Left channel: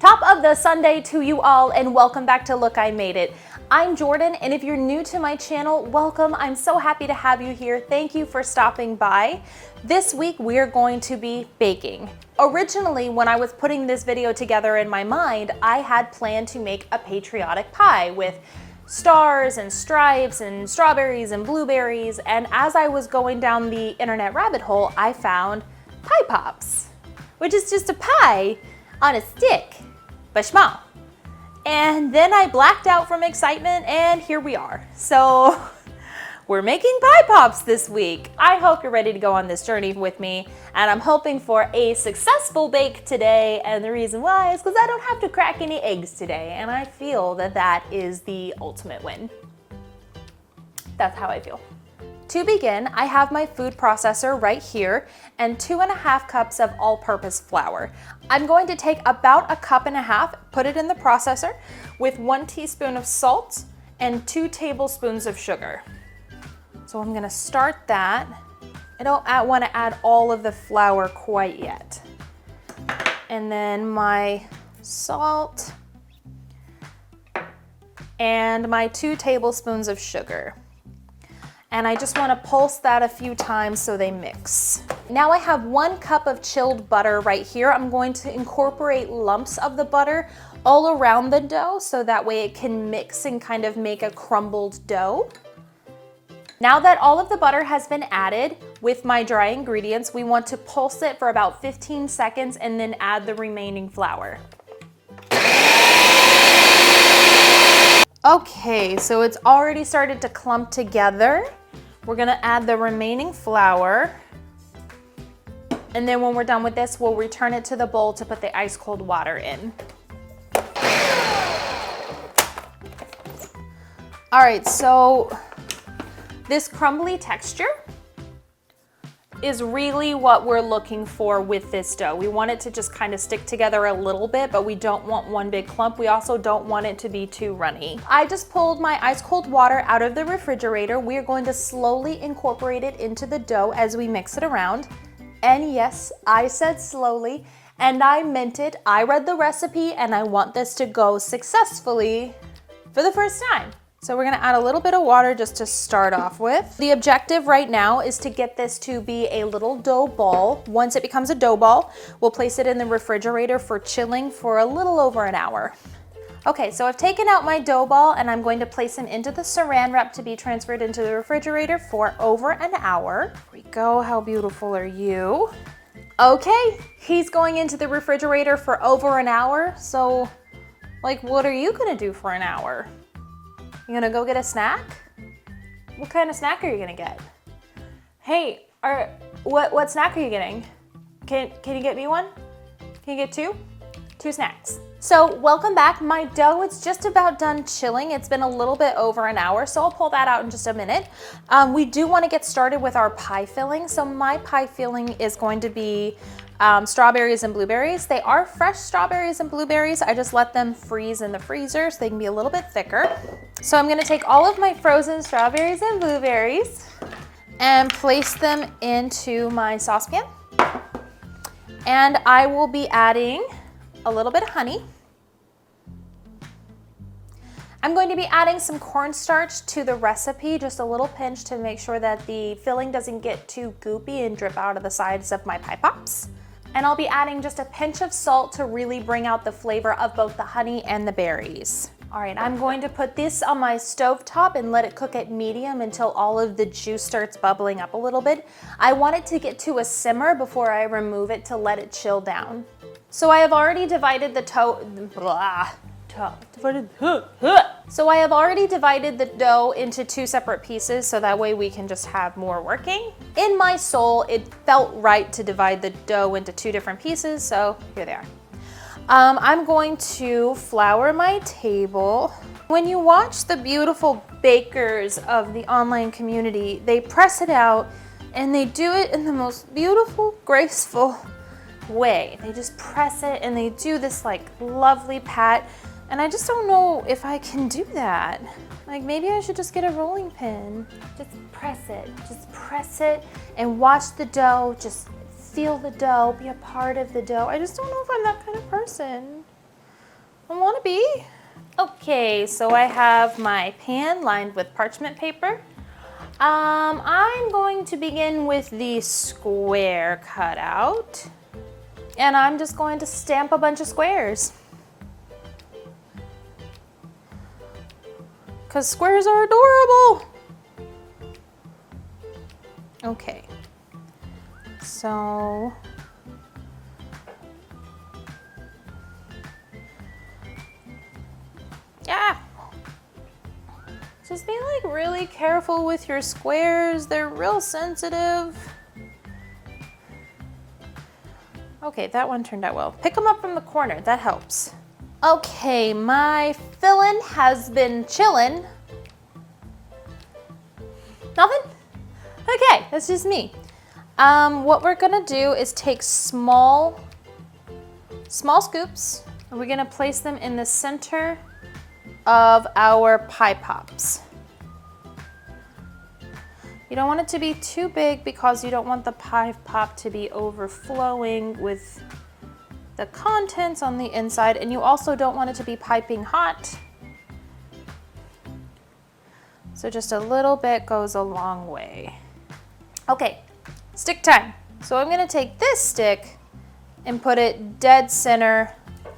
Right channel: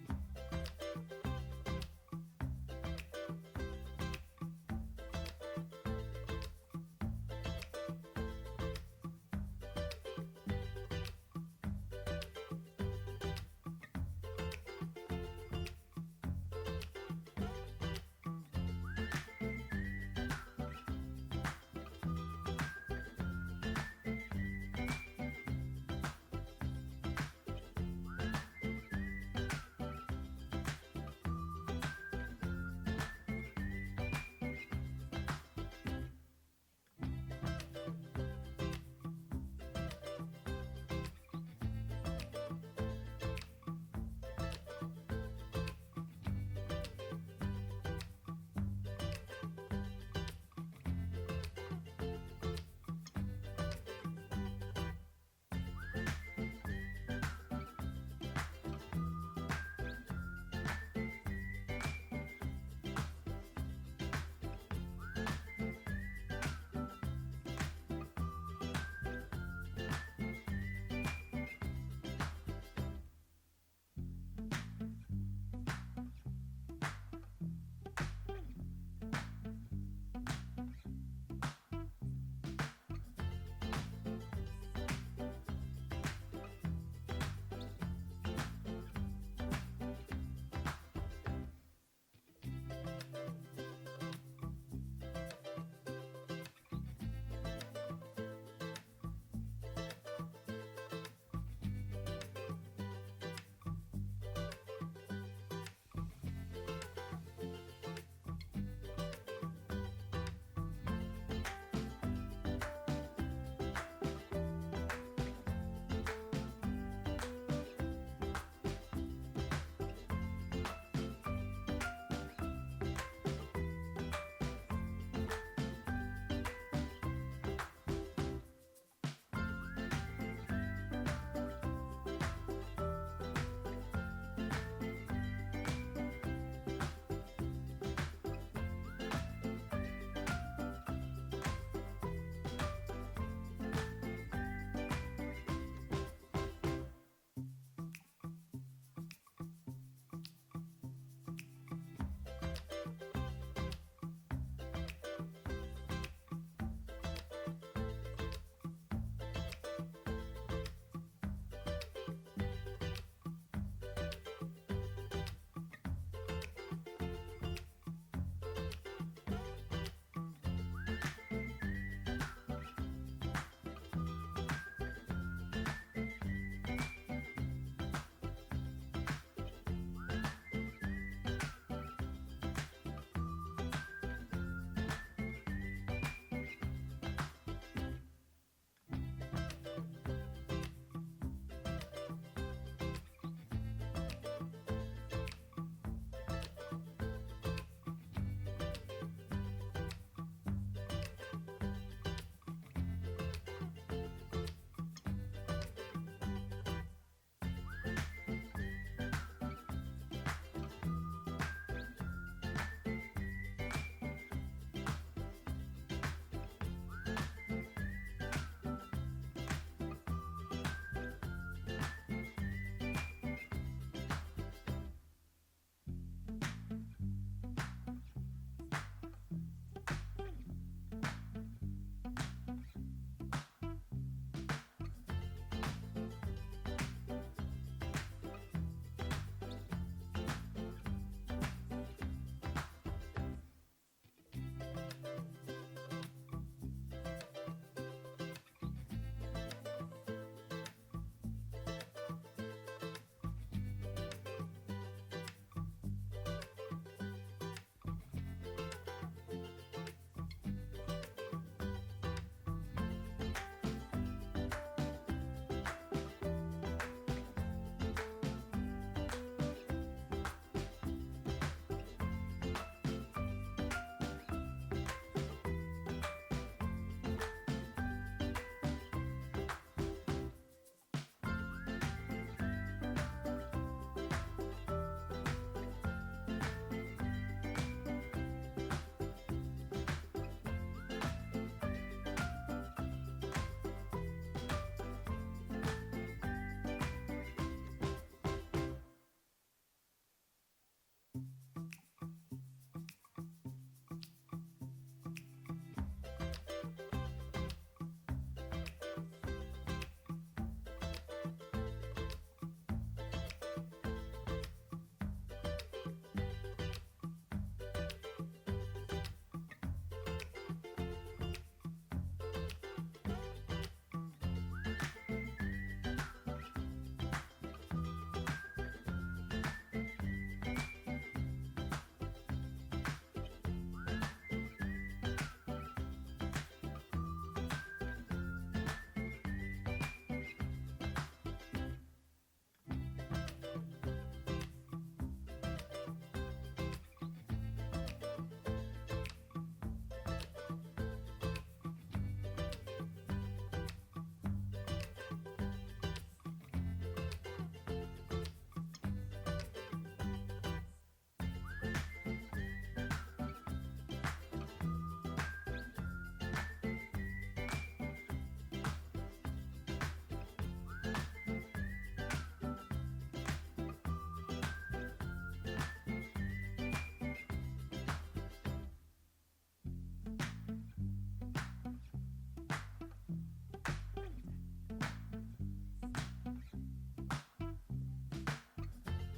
Top of the Sunday to you all, and welcome back to Look, I Made It. I'm Jordan, and if you're new to my channel, welcome. I'm so happy to have you here. Thank you for stopping by. This week, we're going to be baking. Originally, when I was putting this video together in my mind, I had planned to make a patriotic pie with stars and stripes and strawberries and blueberries, and as I was going down the internet rabbit hole, I found pie pops, which is just a pie on a stick, but small. And then I blacked out from excitement, and here we are. So we're making pie pops this week. I hope you're ready to go on this journey with me, and I'm hoping for a successful bake today, and the reason why is because I don't have to crack any eggs today, and I feel that that is the ultimate win. That's how I feel. To begin, I have my food processor right here and 2.5 cups of all-purpose flour. I'm going to take about 1.5 cups, put it in the processor with 1 teaspoon of salt and 2 tablespoons of sugar. So I'm gonna start that. I don't want to add all of the flour quite yet. And then my salt and my 2 tablespoons of sugar. And I just want to pulse that a few times so they mix. Now I have 1 cup of chilled butter right here. I'm going to incorporate lumps of the butter all around the dough so that way it can mix and kind of make a crumbled dough. Now that all of the butter has been added with my dry ingredients, we want to pulse it for about 15 seconds and then add the remaining flour. Okay, so it's already started to clump together. We're gonna add the remaining flour. And then when we're done with this, we'll return it to the bowl to put the ice cold water in. All right, so this crumbly texture is really what we're looking for with this dough. We want it to just kind of stick together a little bit, but we don't want one big clump. We also don't want it to be too runny. I just pulled my ice cold water out of the refrigerator. We are going to slowly incorporate it into the dough as we mix it around. And yes, I said slowly, and I meant it. I read the recipe, and I want this to go successfully for the first time. So we're gonna add a little bit of water just to start off with. The objective right now is to get this to be a little dough ball. Once it becomes a dough ball, we'll place it in the refrigerator for chilling for a little over an hour. Okay, so I've taken out my dough ball and I'm going to place him into the saran wrap to be transferred into the refrigerator for over an hour. Here we go, how beautiful are you? Okay, he's going into the refrigerator for over an hour. So, like, what are you gonna do for an hour? You gonna go get a snack? What kind of snack are you gonna get? Hey, what snack are you getting? Can you get me one? Can you get 2? 2 snacks. So welcome back. My dough is just about done chilling. It's been a little bit over an hour, so I'll pull that out in just a minute. We do want to get started with our pie filling. So my pie filling is going to be strawberries and blueberries. They are fresh strawberries and blueberries. I just let them freeze in the freezer so they can be a little bit thicker. So I'm gonna take all of my frozen strawberries and blueberries and place them into my saucepan. And I will be adding a little bit of honey. I'm going to be adding some cornstarch to the recipe, just a little pinch to make sure that the filling doesn't get too goopy and drip out of the sides of my pie pops. And I'll be adding just a pinch of salt to really bring out the flavor of both the honey and the berries. All right, I'm going to put this on my stove top and let it cook at medium until all of the juice starts bubbling up a little bit. I want it to get to a simmer before I remove it to let it chill down. So I have already divided the dough into 2 separate pieces so that way we can just have more working. In my soul, it felt right to divide the dough into 2 different pieces, so here they are. I'm going to flour my table. When you watch the beautiful bakers of the online community, they press it out and they do it in the most beautiful, graceful way. They just press it and they do this like lovely pat. And I just don't know if I can do that. Like maybe I should just get a rolling pin. Just press it and watch the dough just feel the dough, be a part of the dough. I just don't know if I'm that kind of person. I want to be. Okay, so I have my pan lined with parchment paper. I'm going to begin with the square cutout, and I'm just going to stamp a bunch of squares. Because squares are adorable. Okay, so yeah. Just be like really careful with your squares. They're real sensitive. Okay, that one turned out well. Pick them up from the corner, that helps. Okay, my filling has been chilling. Nothing? Okay, that's just me. What we're gonna do is take small scoops, and we're gonna place them in the center of our pie pops. You don't want it to be too big because you don't want the pie pop to be overflowing with the contents on the inside, and you also don't want it to be piping hot. So just a little bit goes a long way. Okay, stick time. So I'm gonna take this stick and put it dead center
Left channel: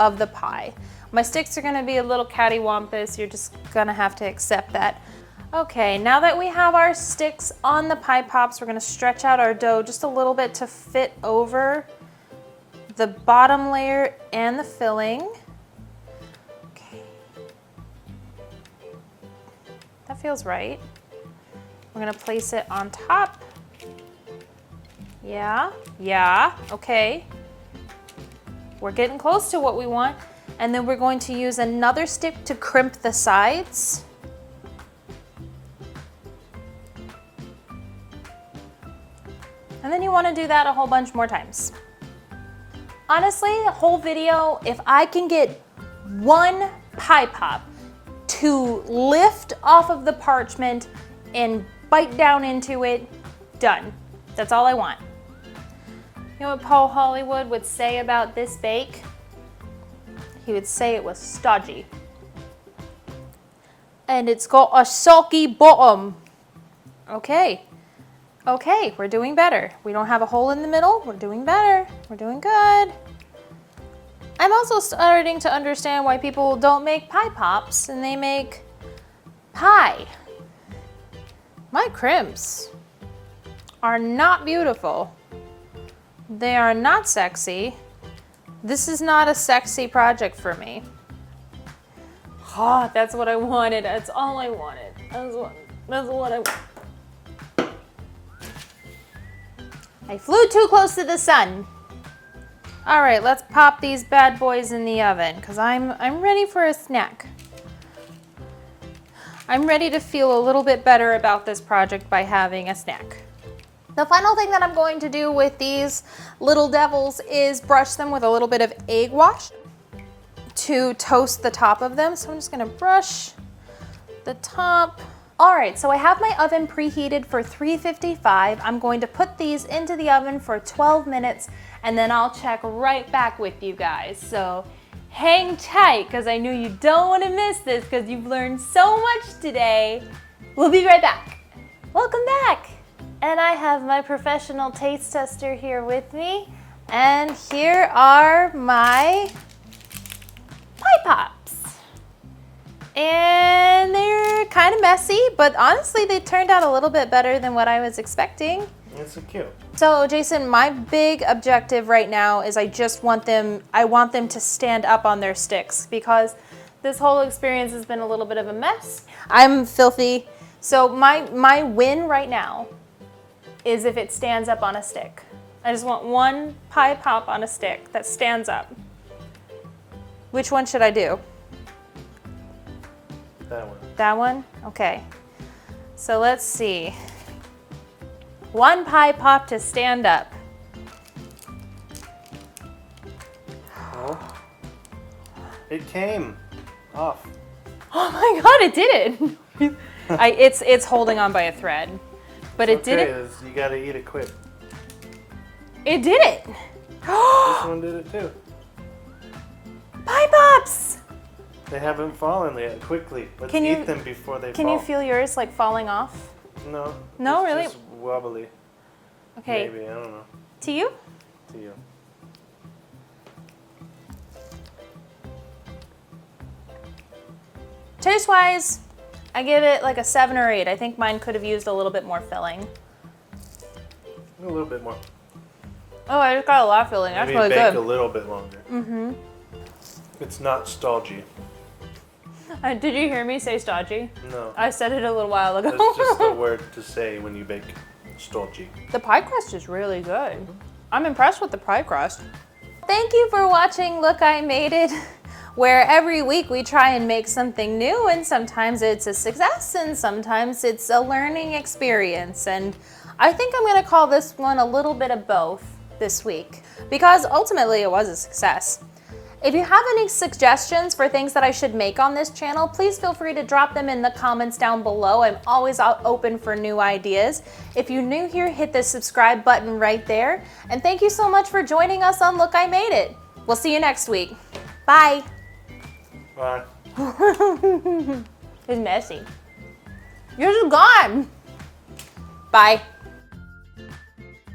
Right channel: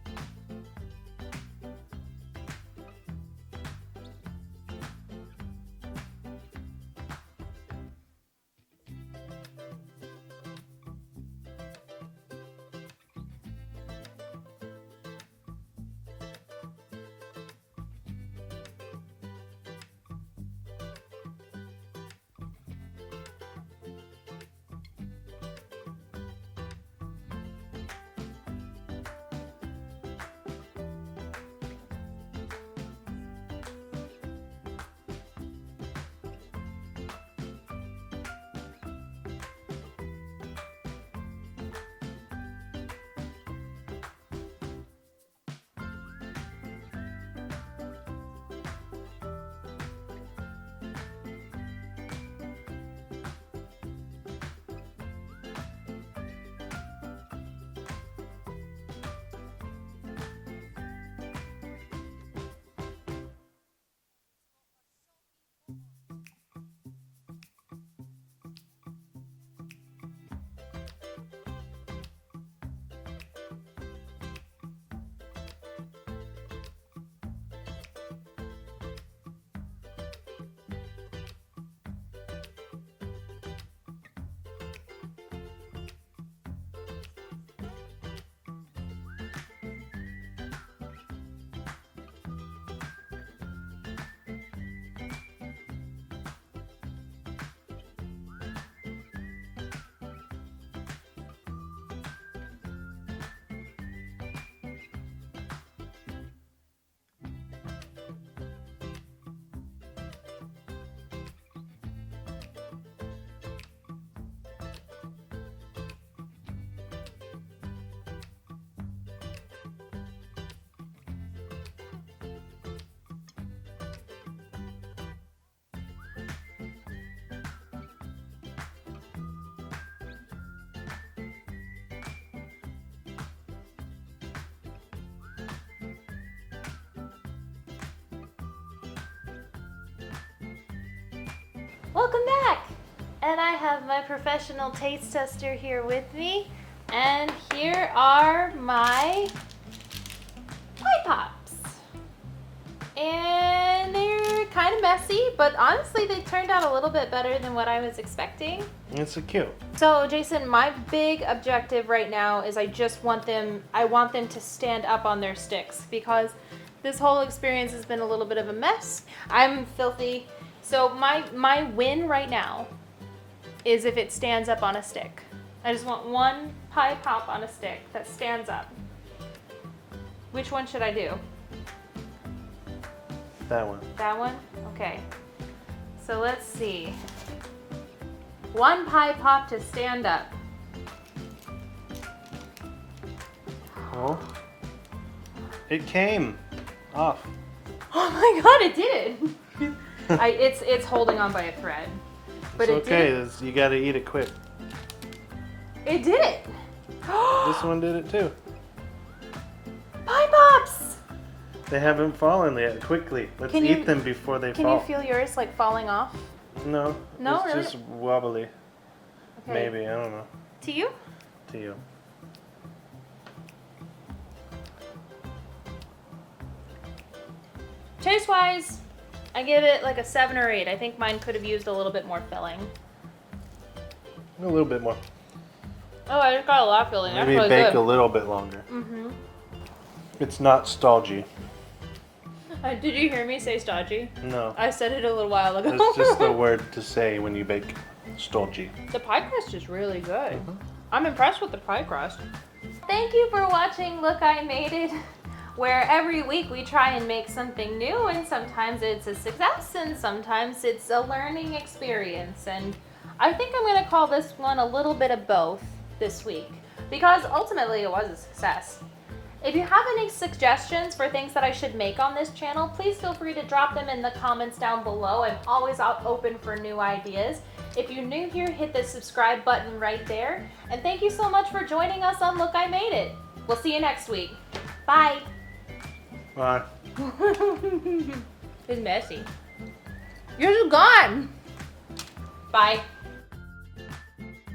of the pie. My sticks are gonna be a little cattywampus. You're just gonna have to accept that. Okay, now that we have our sticks on the pie pops, we're gonna stretch out our dough just a little bit to fit over the bottom layer and the filling. Okay. That feels right. We're gonna place it on top. Yeah, okay. We're getting close to what we want. And then we're going to use another stick to crimp the sides. And then you want to do that a whole bunch more times. Honestly, the whole video, if I can get one pie pop to lift off of the parchment and bite down into it, done. That's all I want. You know what Paul Hollywood would say about this bake? He would say it was stodgy. And it's got a soggy bottom. Okay, we're doing better. We don't have a hole in the middle. We're doing better. We're doing good. I'm also starting to understand why people don't make pie pops and they make pie. My crimps are not beautiful. They are not sexy. This is not a sexy project for me. Oh, that's what I wanted. That's all I wanted. That's what I wanted. I flew too close to the sun. All right, let's pop these bad boys in the oven because I'm ready for a snack. I'm ready to feel a little bit better about this project by having a snack. The final thing that I'm going to do with these little devils is brush them with a little bit of egg wash to toast the top of them. So I'm just gonna brush the top. All right, so I have my oven preheated for 355. I'm going to put these into the oven for 12 minutes and then I'll check right back with you guys. So hang tight because I know you don't want to miss this because you've learned so much today. We'll be right back. Welcome back. And I have my professional taste tester here with me. And here are my pie pops. And they're kind of messy, but honestly, they turned out a little bit better than what I was expecting. It's so cute. So Jason, my big objective right now is I want them to stand up on their sticks because this whole experience has been a little bit of a mess. I'm filthy. So my win right now is if it stands up on a stick. I just want one pie pop on a stick that stands up. Which one should I do? That one. That one? Okay. So let's see. One pie pop to stand up. Oh. It came off. Oh my god, it did it! It's holding on by a thread. But it's it okay. did it. You gotta eat it quick. It did it. This one did it too. Pie Pops! They haven't fallen yet. Quickly. Let's Can you- eat them before they Can fall. you feel yours like falling off? No. No, it's really? just wobbly. Okay. Maybe, I don't know. To you? To you. Taste wise, I give it like a 7 or 8. I think mine could have used a little bit more filling. A little bit more. Oh, I just got a lot of filling. That's Maybe really bake good. a little bit longer. Mm-hmm. It's not stodgy. Did you hear me say stodgy? No. I said it a little while ago. That's just a word to say when you bake stodgy. The pie crust is really good. I'm impressed with the pie crust. Thank you for watching Look, I Made It, where every week we try and make something new, and sometimes it's a success and sometimes it's a learning experience. And I think I'm gonna call this one a little bit of both this week because ultimately it was a success. If you have any suggestions for things that I should make on this channel, please feel free to drop them in the comments down below. I'm always open for new ideas. If you're new here, hit the subscribe button right there. And thank you so much for joining us on Look, I Made It. We'll see you next week. Bye. Bye. It's messy. Yours is gone. Bye.